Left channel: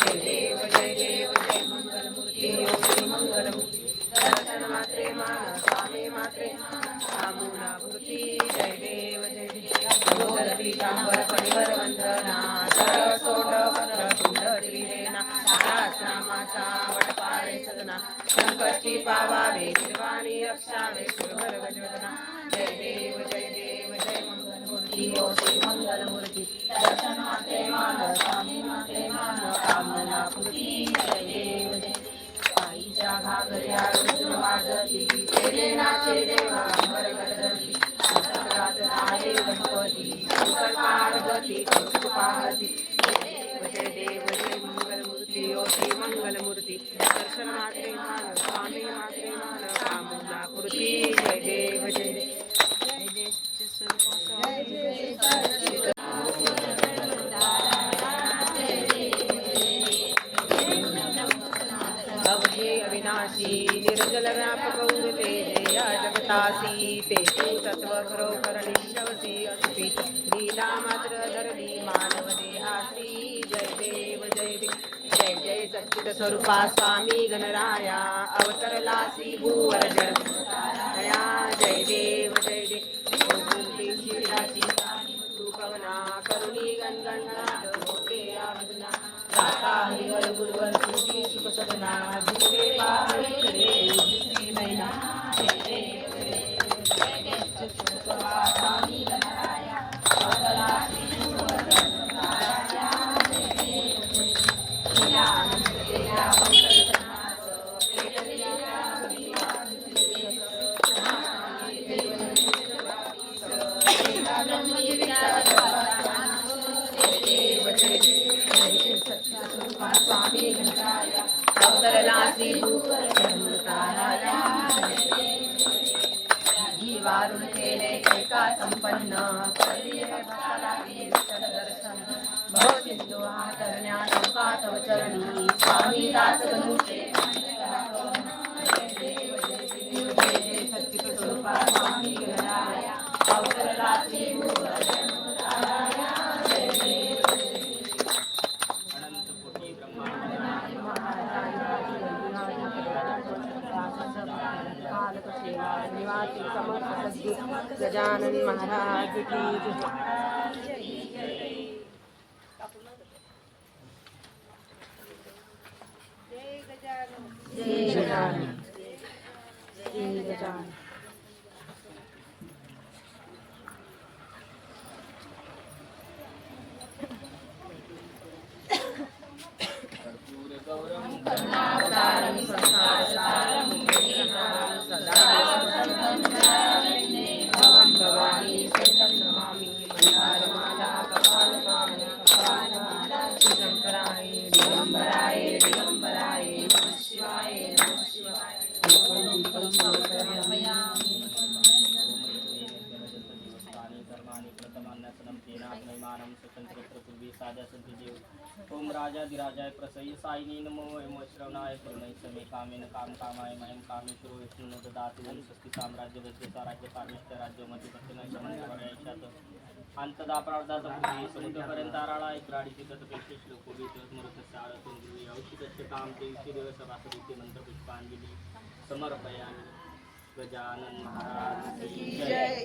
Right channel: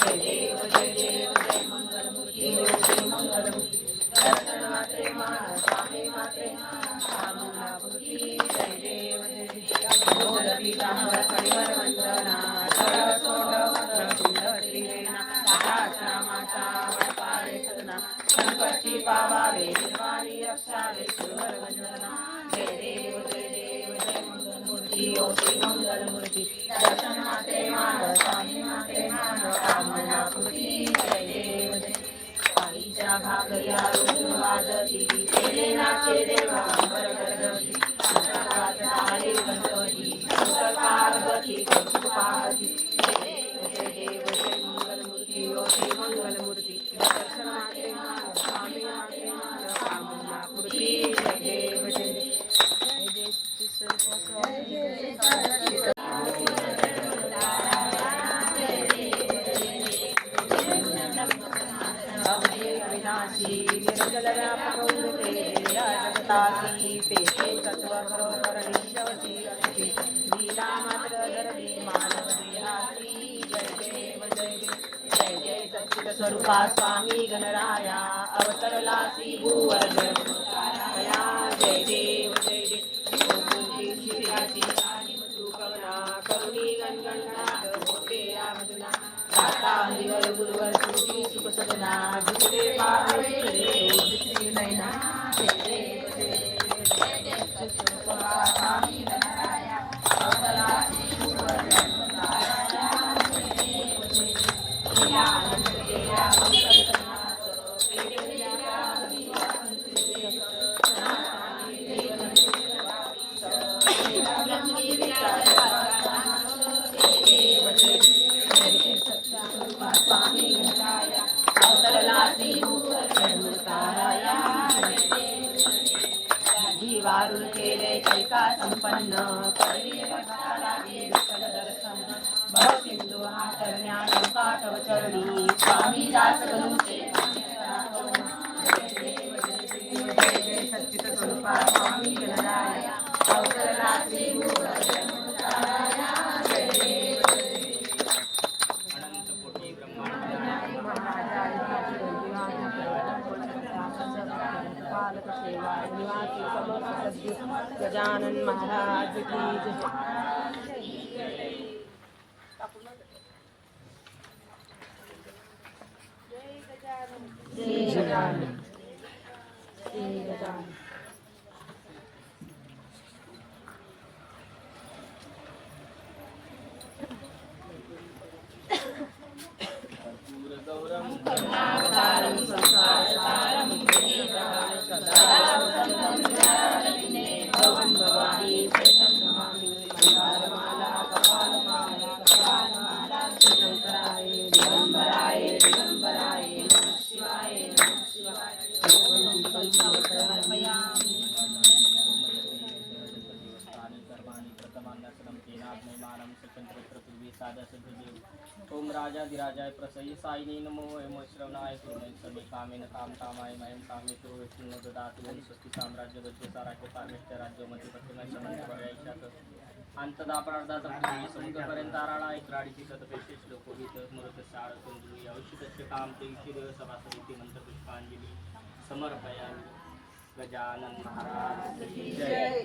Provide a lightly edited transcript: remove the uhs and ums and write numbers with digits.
जय देव जय देव जय मंगलमूर्ती श्री मंगलमूर्ती दर्शन मात्रे मान स्वामी मात्रे कामनापूर्ती जय देव जय देव मोदक पीतांबर परिवर वंदना सरसोंड कुंडलीना नामाचा वडपाळे सदना संकष्टी पावावे शिवानी रक्षावे सुरवर गजवदना जय देव जय देव जय मंगलमूर्ती ओ श्री मंगलमूर्ती दर्शन मात्रे मान स्वामी मात्रे मान कामनापूर्ती जय देव जय पायीच्या घागऱ्या रुजून वाजती तेरे नाचे देवा अंबर गरजती संकटात आले गणपती सुकर पार्वती कौतुकावती जय देव जय मंगलमूर्ती ओ श्री मंगलमूर्ती दर्शन मात्रे मान स्वामी मात्रे मान कामनापूर्ती जय देव जय जगतासी पेशे तत्व खरोखर निश्चसी असती लीला मात्र धरणी मानव देहासी जय देव जय देव जय जय सच्चिद स्वरूपा स्वामी गणराया अवतरलासी भूवर जन्मकाराया जय देव जय देव शिराची तू पवना करुणी गणगणात होते आमजना दाता हरिवर गुरुवर तुझी सुख सदना दुसरे पावे दुसरी नैना वारुण केले कैका संपन्न भव सिंधू हा तरण्या संपाठव चरणी स्वामी दास गणूचे सच्चित स्वरूपा स्वामी गणराया अवतरला श्री निवासी समर्थ सद्गुरु गजानन महाराज की जय गजानन जय गजानन गौरम करुणावतारम संसारसारम भवानी शरणं नमामि मंदारमाला कपालमाला कपालमाला शंकराय दिगंबराय दिगंबराय नमः शिवाय नमः शिवाय ओम राजाधिराजाय प्रसय्य साईनी नमो एम श्रवणाय कुर्मय समे कामेन काम कामाय मयम कामे सुरो विष्णु ददातु ओम स्वस्ति साम्राज्य वज्रता राज्य पार्वत्य राज्य मध्ये पश्चिम समन्वयात अंतदा प्रार्धात पृथ्वी समुद्रपर्यंत आराळा एक राडीची कथपेक्षे श्लोकोगीते मृत शाळतून गृही औषधस्य काम ते शिदेव सभासदिते मंत्र पुष्पांजली समर्पयामि गजानन महाराज की जय।